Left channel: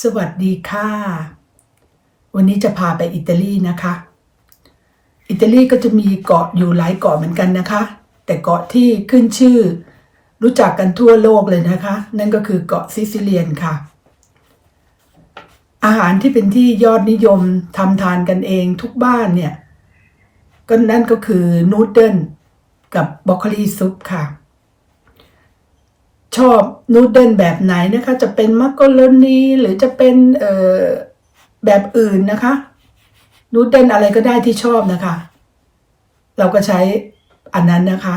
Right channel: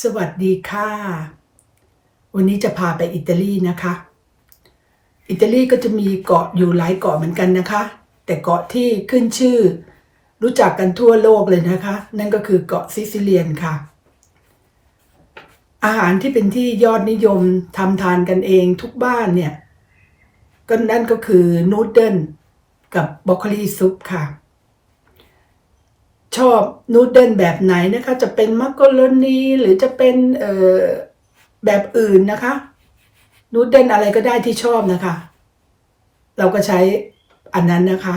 สวัสดีค่ะ วันนี้จะพาไปอิตาลีนะคะ อิตาลีก็จะมีเกาะอยู่หลายเกาะเหมือนกันนะคะ แต่เกาะที่ขึ้นชื่อ รู้จักกันทั่วโลกเลยนะคะ นั่นก็คือเกาะซิซิเลียนค่ะ อาหารที่เป็นที่ยอดนิยมทำทานกันเองทุกบ้านเนี่ย ก็นั่นก็คือนูดเดิลกับบรอกโคลีซุปค่ะ ชอบนูดเดิลแบบไหนนะคะ จะเป็นมักกะโรนีหรือจะเป็นเอ่อแบบอื่นนะคะนูดเดิลอะไรก็ได้ที่ชอบนะคะ เราก็ใช้อันนั้นนะคะ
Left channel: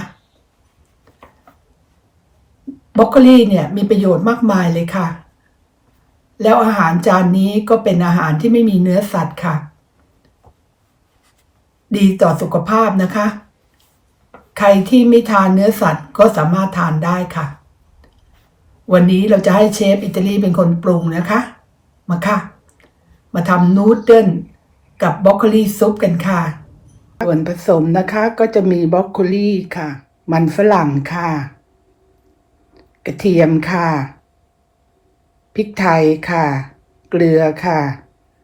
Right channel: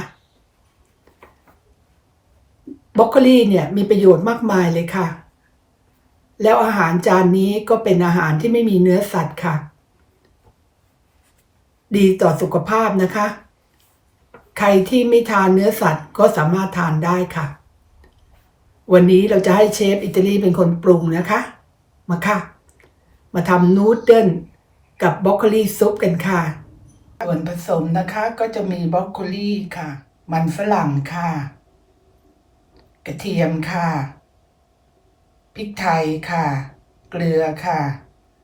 บรอกโคลีเนี่ยมีประโยชน์มากมายเลยค่ะ แล้วอาหารจานนี้ก็เป็นอาหารที่ไม่มีเนื้อสัตว์ค่ะ ดีต่อสุขภาพนะคะ ใครที่ไม่ทานเนื้อสัตว์ก็สามารถทานได้ค่ะ วันนี้เราจะให้เชฟอิตาลีเป็นคนปรุงนะคะ มาค่ะ มาทำนูดเดิลกับบรอกโคลีซุปกันค่ะ ส่วนผสมนะคะก็จะมีบรอกโคลีค่ะ มันฝรั่งค่ะ กระเทียมค่ะพริกไทยค่ะ เกลือค่ะ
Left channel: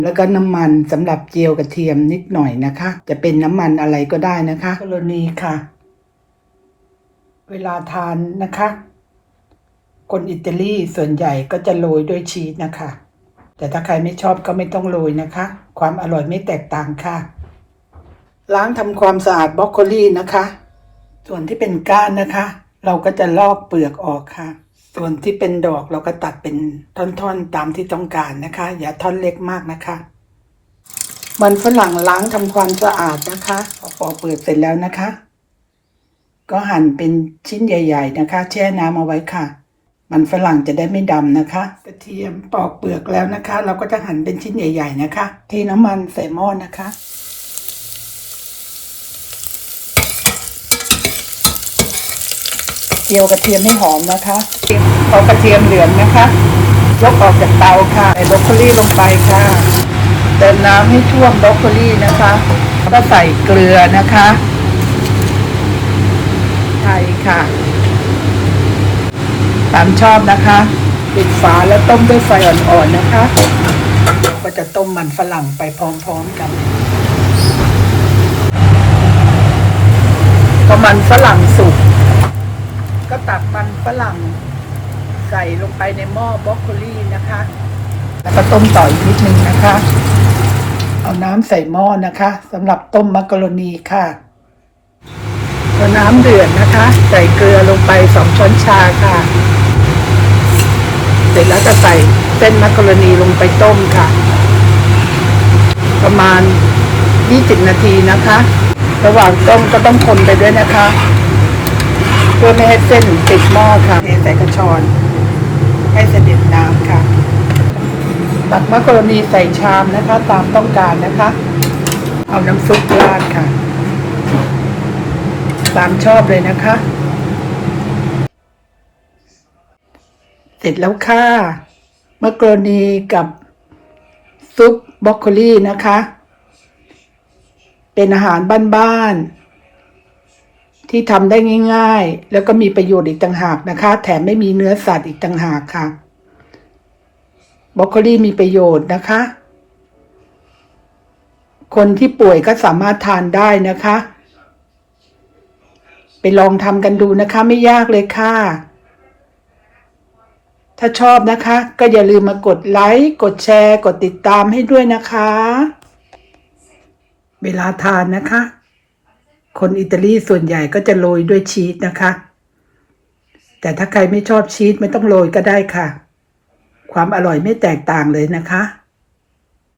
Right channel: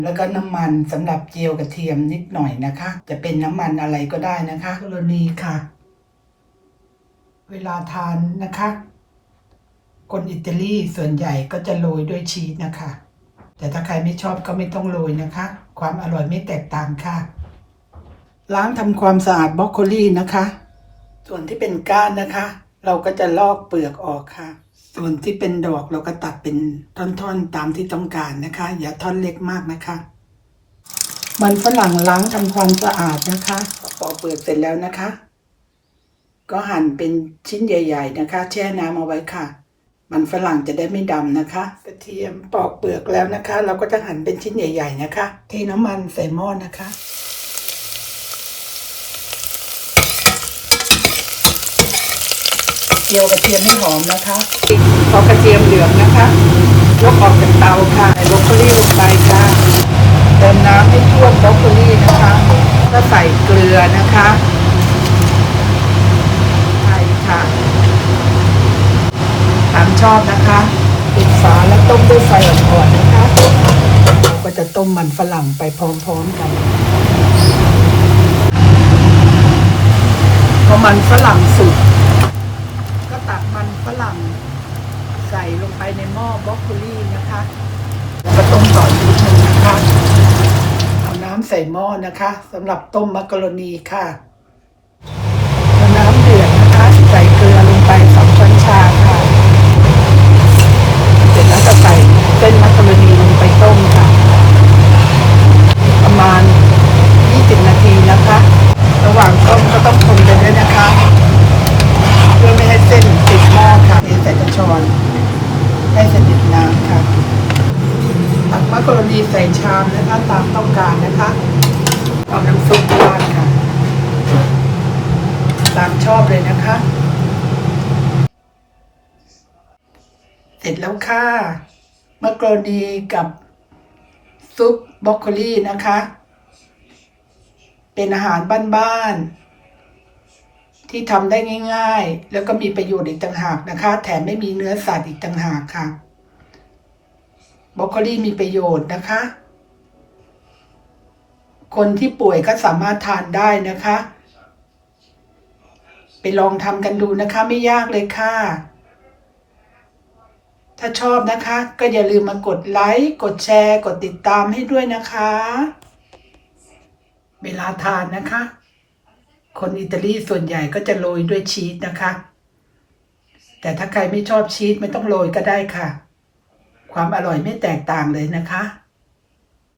แล้วก็น้ำมันสำหรับเจียวกระเทียมนิดหน่อยนะคะ จะเป็นน้ำมันอะไรก็ได้นะคะกรณีค่ะ เวลาทานนะคะ คนอิตาลีส่วนใหญ่ก็จะโรยด้วยชีสนะคะ แต่ถ้าใครไม่ชอบก็ไม่ต้องโรยนะคะ ความอร่อยไม่แตกต่างค่ะ ล้างทำความสะอาดบรอกโคลีนะคะ ส่วนที่เป็นก้านนะคะ เราก็จะลอกเปลือกออกค่ะ ส่วนที่เป็นดอกเราก็ตัดเป็นท่อนๆตามที่ต้องการนะคะ อย่าท่อนเล็กมากนะคะมันฝรั่งล้างทำความสะอาดนะคะพอเปลือกเสร็จแล้วนะคะ ก็หั่นเป็นชิ้นใหญ่ ๆ นะคะ แช่น้ำเอาไว้ค่ะ มันฝรั่งจะได้ไม่ดำนะคะ กระเทียมปอกเปลือกแล้วนะคะ เราก็จะหั่นเป็นชิ้นใหญ่ ๆ นะคะ เทน้ำมันใส่หม้อนะคะ เจียวกระเทียมให้หอมนะคะพอกระเทียมเหลืองนะคะยกออกจากเตาค่ะใส่บรอกโคลีลงไปค่ะเติมน้ำให้ท่วมบรอกโคลีนะคะแล้วก็ใส่เกลือนะคะ ไทยค่ะ ตามชอบนะคะปิดฝาแล้วต้มด้วยไฟอ่อนๆนะคะ ก็จะต้มมันฝรั่งไปพร้อมๆกันพอมันฝรั่งสุกก็ตักมันฝรั่งใส่ลงไปในหม้อบรอกโคลีนะคะ แล้วก็ต้มต่ออีกนิดนึงนะคะ เอาน้ำใส่หม้อนะคะสำหรับต้มมักกะโรนีค่ะพอน้ำเดือดนะคะ ใส่เกลือลงไปสองช้อนชาค่ะ เสร็จแล้วจะใส่เส้นมักกะโรนีลงไปต้มค่ะ ประมาณ 20 นาทีนะคะ ระหว่างต้มก็ต้องคนไปด้วยนะคะ เพื่อไม่ให้เส้นติดหม้อค่ะเทใส่กระชอน ให้เสด็จน้ำค่ะ ตั กมักรนีใส่ชามนะคะ ตามต้องการนะคะ เอาน้ำซุปราดค่ะ ตามชอบเลยนะคะ เสร็จแล้วค่ะมักรนีกับซุปบรอกโคลีนะคะ เป็นอาหารบ้านๆที่ทำได้ง่าย ๆ แล้วก็มีประโยชน์อีกต่างหากนะคะ แถมไม่มีเนื้อสัตว์อีกต่างหากค่ะ บรอกโคลีมีประโยชน์นะคะ คนที่ป่วยก็สามารถทานได้นะคะ ไปลองทำกันดูนะคะ ไม่ยากเลยค่ะ ถ้าชอบนะคะ ก็อย่าลืมมากดไลค์ กดแชร์ กดติดตามให้ด้วยนะคะ เวลาทานนะคะ คนอิตาลีส่วนใหญ่ก็จะโรยด้วยชีสนะคะ แต่ถ้าใครไม่ชอบชีสไม่ต้องโรยก็ได้ค่ะ ความอร่อยไม่แตกต่างเลยนะคะ